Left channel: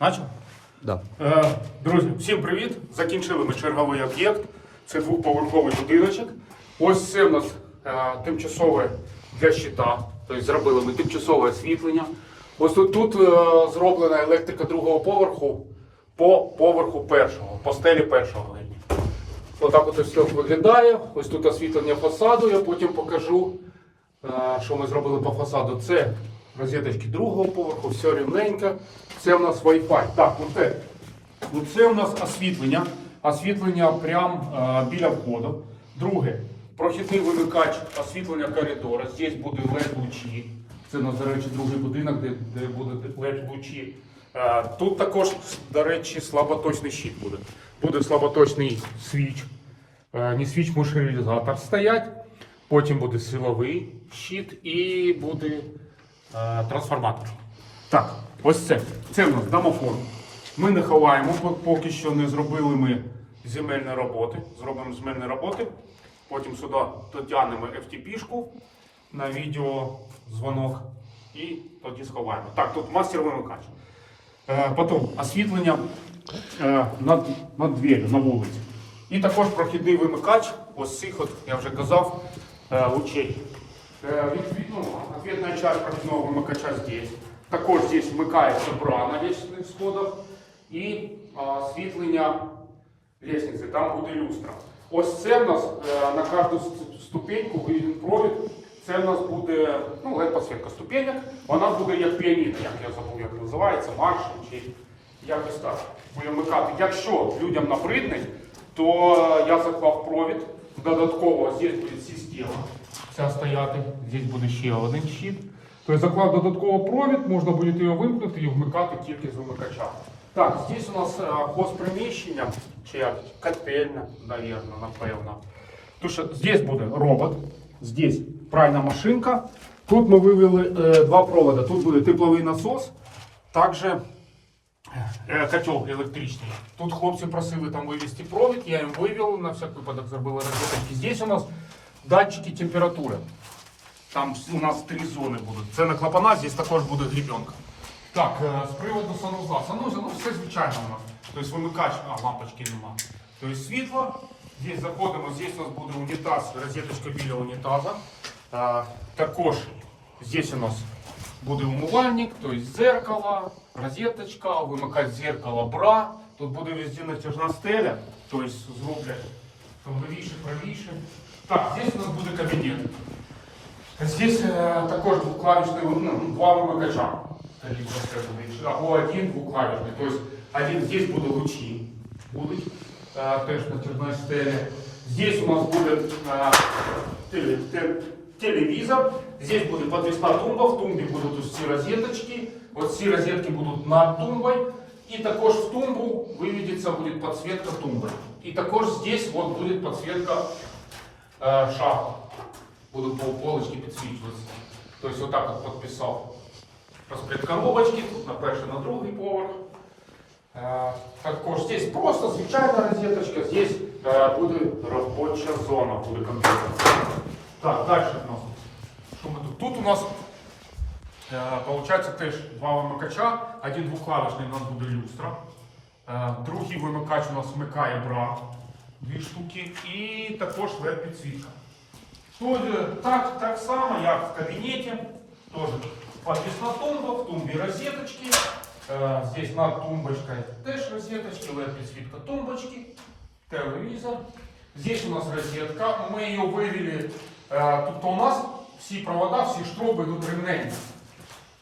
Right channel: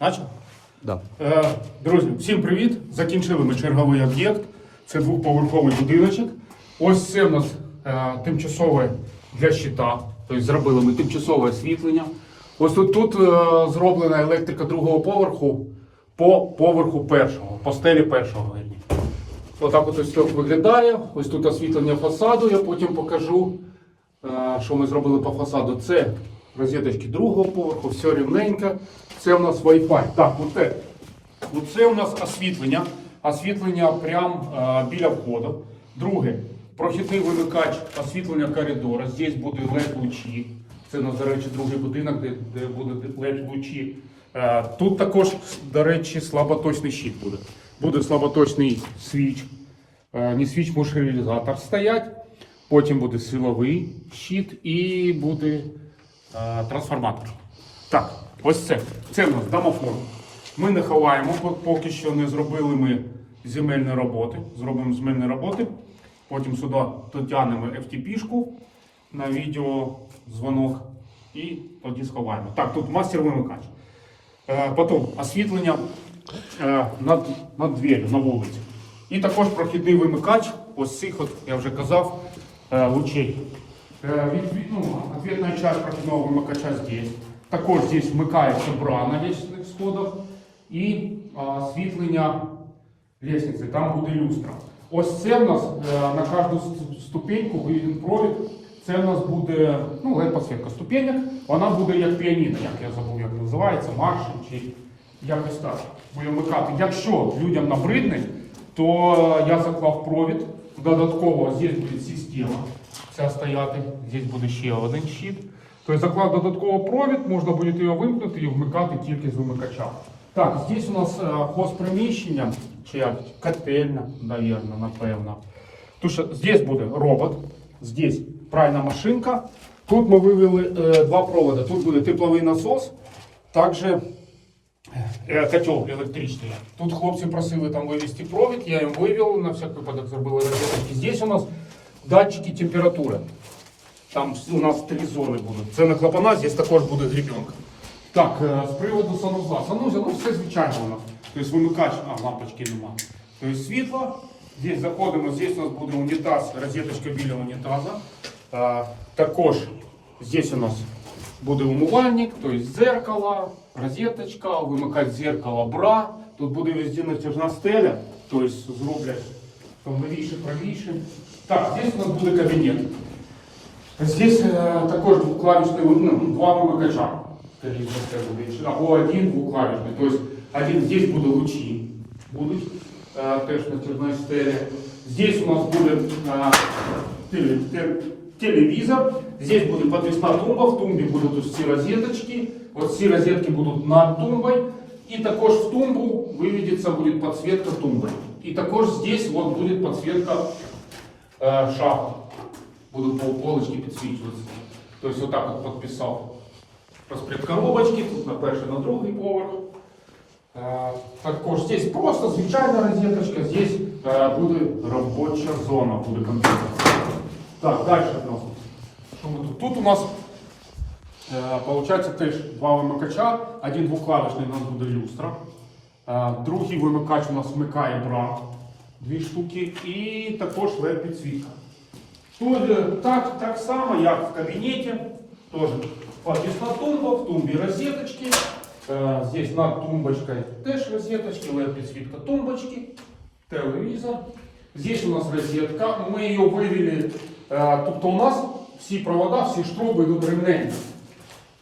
Начав? Да. Е, Друзі, всім привіт! Закінчили ми черговий об'єкт. Це двохповерховий будиночок. Ось це в нас е, тимчасове для щита. Тобто зробили ми тимчасове освітлення. Ось тут, тут е, зроблена електрика другого поверху по поверху першого, по стелі першого. Отак от ось тут виглядає. Ось тут освітлення фасаду, я потім покажу, е, що ми зробили по фасаду. Це розеточки другого поверху, все рівненько. Це у нас Wi-Fi. Так, оце. Оце у нас освітлення. Освітлення прямо е, біля входу. Друге, прохідний вимикач освітлення коридора. Здесь буде LED лучі. Це, до речі, другий будинок, де, де будуть LED лучі. Е, тут також, до речі, слаботочний щит буде. Буде слаботочний свіч. Не свіч, мушерилізатор стоять. Потім буде силовий щит і буде трансформатор. Так, ось це. Це у нас домофон. Ми не ховаємо, поки що не зробили ми земельні роботи. Зробимо земельні роботи. Потім сюди дотягнемо FTP-шку на відео дзвонок і тоді сховаємо. Так, тут мастер вимикач. Е, потім освітлення е, над, над дверью на вулиці. І також прохідний вимикач, ось цих, от, я вже казав, е, лучей. Від- ну, Ответная часть проходного вимикача здесь. Також здесь вмикається бра на лестничних сходах і освітлення лестниці, там буде люстра. Ось це в нас е, на кожну ступеньку виведен провід. Це в нас буде ну, led підсвітка ступенек. Вона буде як піаніно, як я забув, як називається, марш чи якось так. Буде вмикати. Якщо людям набридне, то е, я заклав провід. Додатково здесь буде система. Ця стояти. Здесь буде ще один щит. Тобто заклав додатково провід, можна буде його вимкнути і вмикати тільки з вимикача. Так, здесь у нас е, хозприміщення, чи як котельня, навірно, напевно. Тому що здесь буде робот, здесь пральна машинка. Тут ми вивели е, два провода. Тут буде тепловий насос, також е, котел електричний. Тут хлопці просили там вивести провід, я їм вивів, на всяк випадок зробили розетки. Здесь у нас датчики температури. Там у нас три зони будуть. Це на клапана, здесь також буде гребенка. Так, е, з приводу санузла. Санузел, ну все звичайно у нас. Тобто вимикач, а лампочки нема. Тобто світло. Здесь заходимо, здесь у нас буде унітаз, розеточка біля унітаза. А, також здесь у нас буде умивальник, тобто зеркало, розеточка, вимикач зеркала, бра. Тут буде везде натяжна стеля, тобто зроблять там лівіше, правіше. Так, здесь у нас буде кабінет. Здесь э, такой двухклавишный, ну, два вымыкача. Або один двухклавишний. То есть один здесь буде лучі. Будуть е, теж на тяжної стелі. Здесь у нас буде е, теле- те- телевізор. Здесь буде подвісна тумба. В тумбі будуть ось ці розеточки. Ось ці розетки будуть над тумбою. І також в тумбу виведеться буде підсвітка тумби. І також здесь вот буде підсвітка е, шафи. Буду по полочке підсвічуватися. Тобто отак от підписав розпред коробочки, тут на перший, на другий поверх. Е, Також здесь просто звичайна розеточка, здесь е, буде робоча зона, буде комп'ютер. Так, далі у нас. Що ми тут? Тут у нас е, Получається теж два вимикача, один двохклавишний у нас буде люстра. Е, Другий вимикач у нас вмикає бра, дві штуки, і також led підсвітка. Тут е, так, так само, як в кабінеті, теж подвісна тумба, в тумбі розеточки. Е, Здесь над тумбочкой теж розеточки, LED підсвітка тумбочки, телевізор. Здесь у нас розетка, ми її вивели. е, Тобто у нас всі провода, всі штруби йдуть рівненько.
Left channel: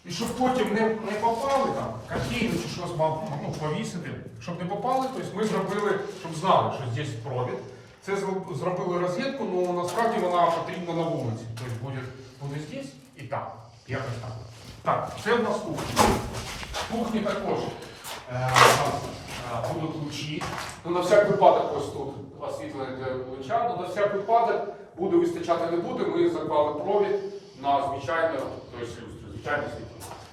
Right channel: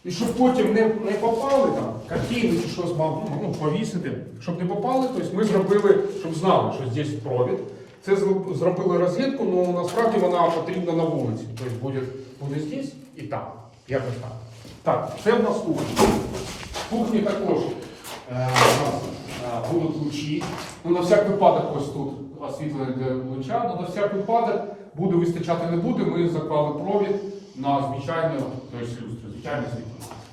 І щоб потім не, не попали там, картини чи щось мав, ну, повісити, щоб не попали, тобто ми зробили, щоб знали, що здесь провід. Це зробили розетку, але насправді вона потрібна на вулиці. Тобто буде, буде здесь і там. Якось так. Так, це в нас кухня. В кухні також е, е, будуть лучі. Ну, на всяк випадок ось тут освітлення для луча, але на всяк випадок буде вистачати не буде. Ми заклали провід на звичайну, тобто люстру,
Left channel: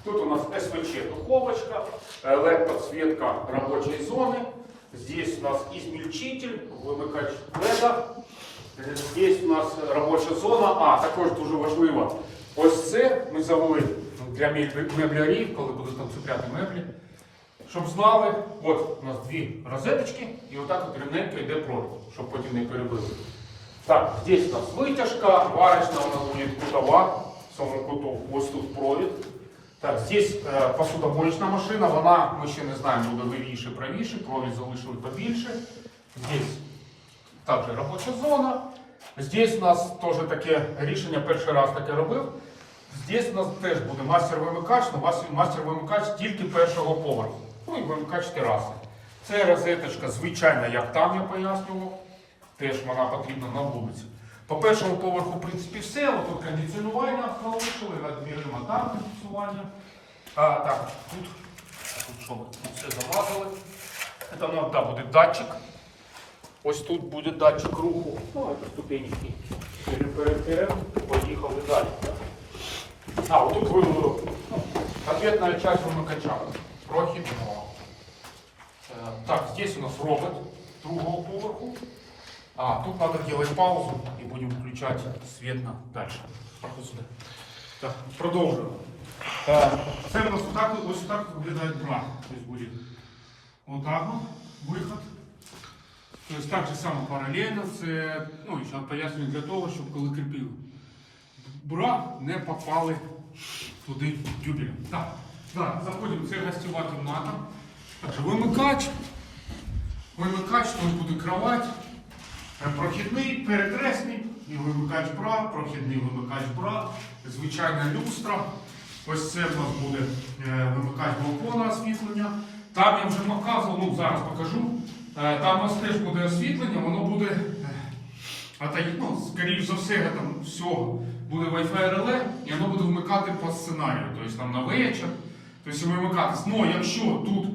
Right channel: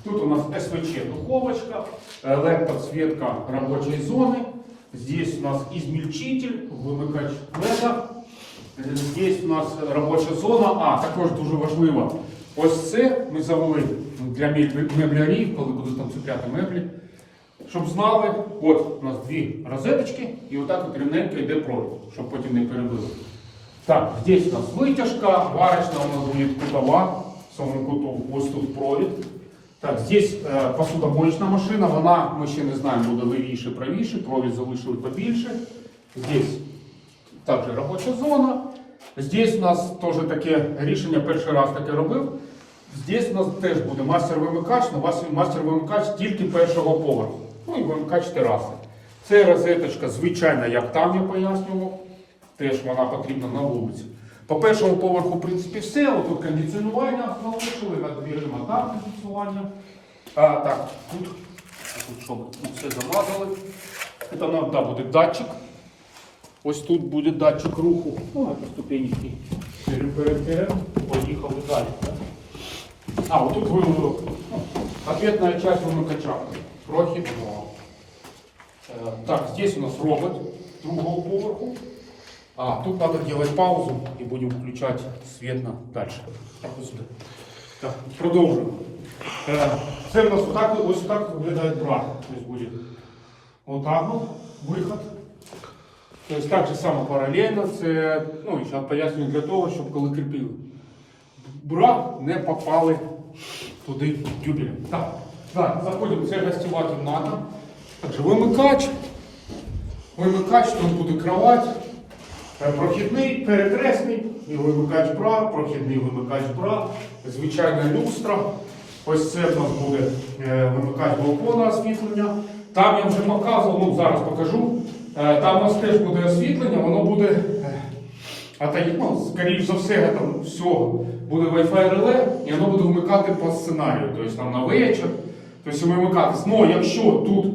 Тут у нас СВЧ духовочка, LED подсветка робочей зоны. Здесь у нас измельчитель, вимикач леда. Здесь у нас робоча зона. А, також дуже важливо. Ось це ми завели для меблярів, коли будуть там цупляти меблі. щоб знали, от у нас дві розеточки, і отак от рівненько йде провід, щоб потім не перебили. Так, здесь у нас вытяжка, варочная у нас будет кутова, в самому куту, ось тут провід. Так, здесь е, посудомоечна машина, вона, ми ще не знаємо, буде лівіше, правіше, провід залишили побільше. Здесь також робоча зона. Здесь у нас теж таке рішення, перший раз таке робив. Здесь у нас теж буде мастер-вимикач, але у вас мастер-вимикач тільки першого поверху. Ну і вимикач тераси. Це розеточка, звичайна, як там я пояснював. Теж вона потрібна на вулиці. По першому поверху, в принципі, все. Ось тут кондиціонування залишили, над дверима там кондиціонування. А, так, тут, тут що ми тут все замазали. Це нам да, буде датчик. Ось тут буде датчик руху. О, ступенечки. Переберемо, поїхали далі. так? А, вот тут вымыл. Ответная часть вымыкача. Прохідного. Э, Так, здесь у нас робот другого поверху. А, тут надо делать паузу и будем включать свет на дальше. Проходь сюда. Так, продовжуємо. Е, Це в нас отак, ось так виглядає бра. Тобто буде отак от виход. Тобто так же само паралельно. Це, ну, ще пояснюю для того, щоб коли кріпили бра не попали туди дюбелем. Так, так, заходимо, це гостєва кімната. Отже, вимикач. Вимикач, тут буде кровать. Е, Прохідний, перекресний, і вимикач бра, прохідний вимикач бра, звичайна люстра. Ось це в нас буде е, вимикач балкона освітлення. Там я вже показував, ну зараз покажу. Е, Там у нас теж буде освітлення, воно буде а та ну, скоріш за все, там всього буде Wi-Fi реле, і воно буде вмикати по сценарію, тобто там на вечір, тобто вимикатись. Ну, якщо тут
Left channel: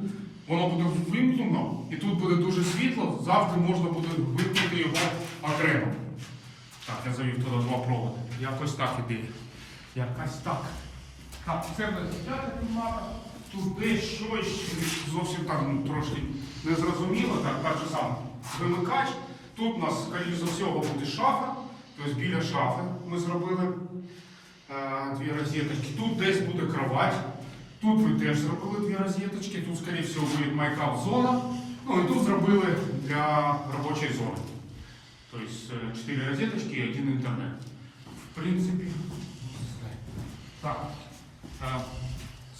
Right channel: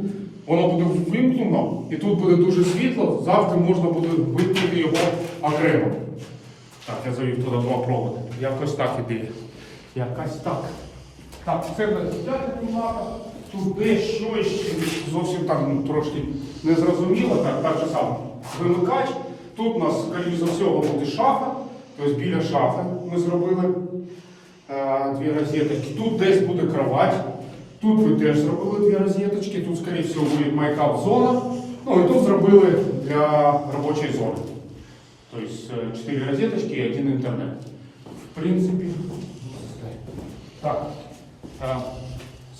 воно буде вимкнено і тут буде дуже світло, завтра можна буде вимкнути його окремо. Так, я завів туди два проводи. Якось так ідея. Якось так. Так, це буде п'ята кімната. Тут дещо ще зовсім так ну, трошки незрозуміло, так, так же само. Вимикач. Тут у нас, скоріш за всього, буде шафа. Тобто біля шафи ми зробили е, дві розеточки. Тут десь буде кровать. Тут ви теж зробили дві розеточки. Тут, скоріш всього, буде майкап зона. Ну і тут зробили для робочої зони. Тобто е, чотири розеточки і один інтернет. В принципі, так. Е,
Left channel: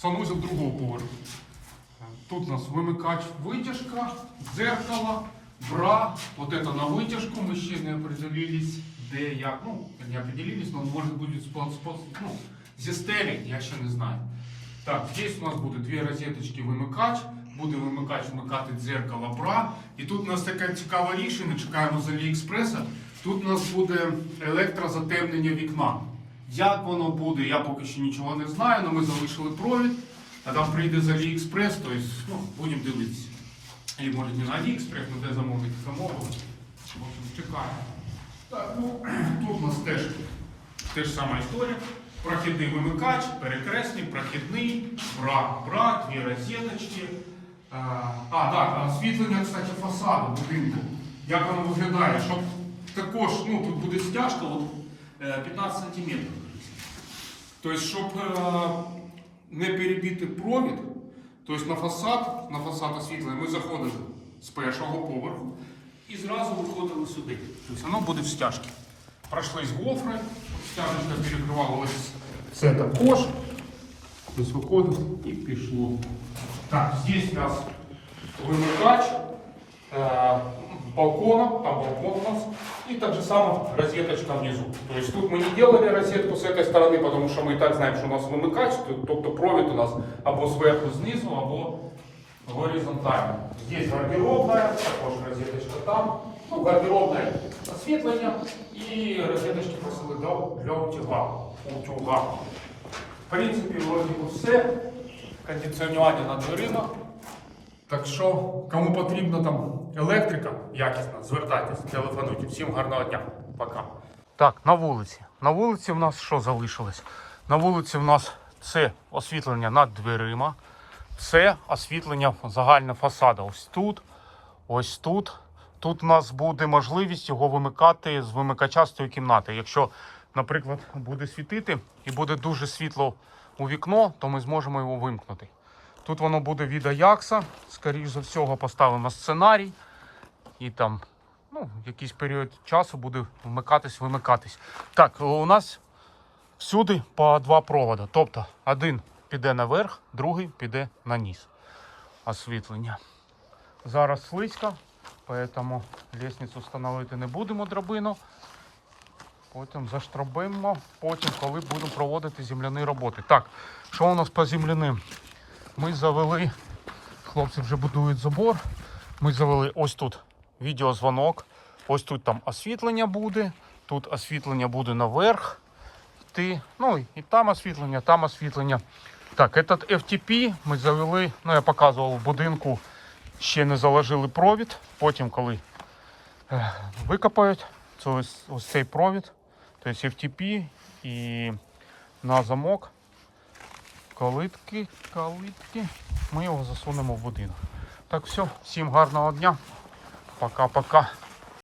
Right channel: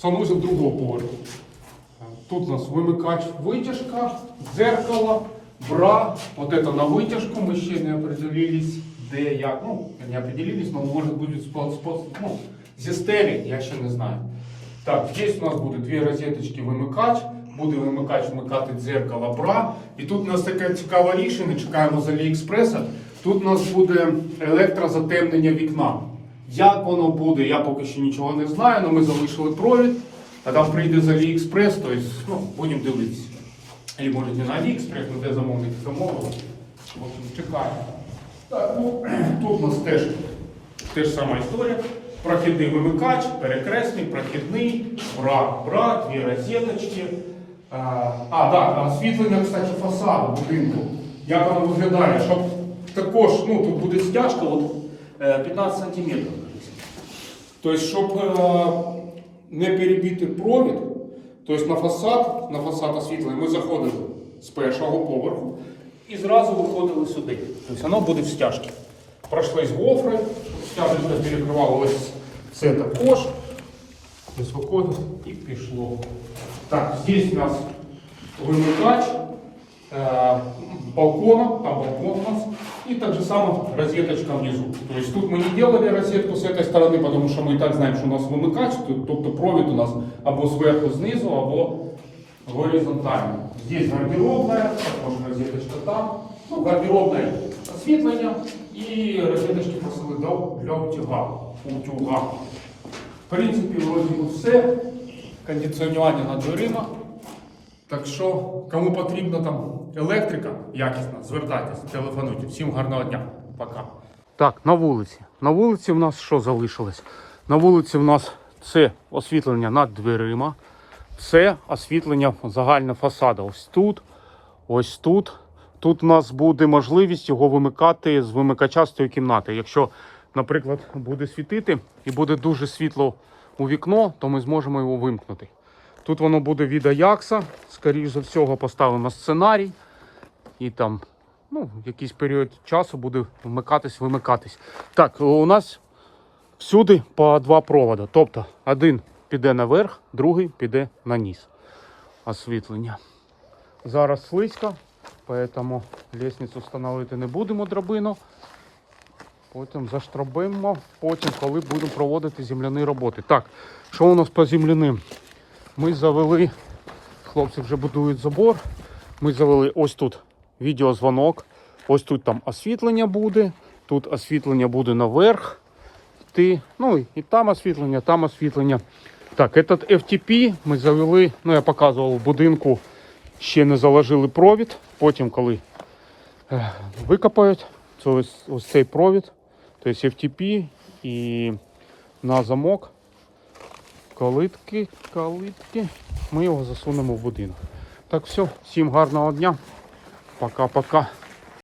Санузел другого поверху. Е, Тут у нас вимикач, витяжка, дзеркало, бра. Вот это на вытяжку мы еще не определились, де як. Ну, не определились, но может будет спот, спот, ну, зі стелі, я ще не знаю. Так, здесь у нас буде дві розеточки вимикач, буде вимикач вмикати дзеркало бра. І тут у нас таке цікаве рішення, чекаємо з Аліекспреса. Тут у нас буде електрозатемнення вікна. Як воно буде, я поки що нічого не знаю, але ми залишили провід. А там прийде з Аліекспрес, тобто ну, будемо дивитися. Або може не на Аліекспрес, ми де замовники замовили. Чекаємо. Так, ну, тут у нас теж, теж сама історія. Прохідний вимикач, перекресний, прохідний, бра, бра, дві розеточки. А, а, так, освітлення, кстати, фасаду будинку. Як воно виглядає, щоб також, ну, тут буде стяжка от, е, 15 сантиметрів. Тобто, щоб е, не перебити провід, тобто на фасад, на фасад освітлення ми заходили з першого поверху і зразу виходили сюди. Тобто воно буде в стяжці. Пройшли з гофри, стяжечка перекривала ось це також. Тобто виходить і пішло. Так, здесь у нас вимикач, э, балкона, там балкон у нас, и так же самое розеточка внизу. То есть тут мы не делали розетку с этой стороны, потому что мы и так знаем, что у нас вимикач, тут, тобто провід у нас або зверху знизу, або горизонтально. Здесь гардеробная, також розеточка там, ну, гардеробное освітлення І розеточки просили для, утюга. утюга. В принципі, вроді би все. Кондиціонування на дверима. Так що, кому потрібна там електрика якісна, звертайтеся, телефонуйте. Всім гарного дня. Пока. Так, на вулиці. На вулиці в нас що залишилось? На вулиці в нас це освітлення над дверима, це освітлення загального фасаду. Ось тут, ось тут. Тут у нас буде можливість його вимикати з вимикача з цієї кімнати. Якщо, наприклад, буде світити і буде дуже світло у вікно, то ми зможемо його вимкнути. Тут воно буде від Аякса. Скоріше за всього, поставимо сценарій. І там ну, якийсь період часу буде вмикатись, вимикатись. Так, у нас всюди по два провода. Тобто один піде наверх, другий піде на низ. Освітлення. Зараз слизько, тому лісницю встановити не будемо драбину. Потім заштробимо, потім, коли будемо проводити земляні роботи. Так, що у нас по земляним? Ми завели, хлопці вже будують забор. Ми завели ось тут відеозвонок. Ось тут там освітлення буде. Тут освітлення буде наверх. Йти. Ну і там освітлення, там освітлення. Так, этот FTP ми завели, ну я показував в будинку, ще не заложили провід. Потім, коли е, викопають, це ось, ось цей провід, тобто FTP і на замок. Калитки, калитки. Ми його засунемо в будинок. Так, все, всім гарного дня. Пока-пока.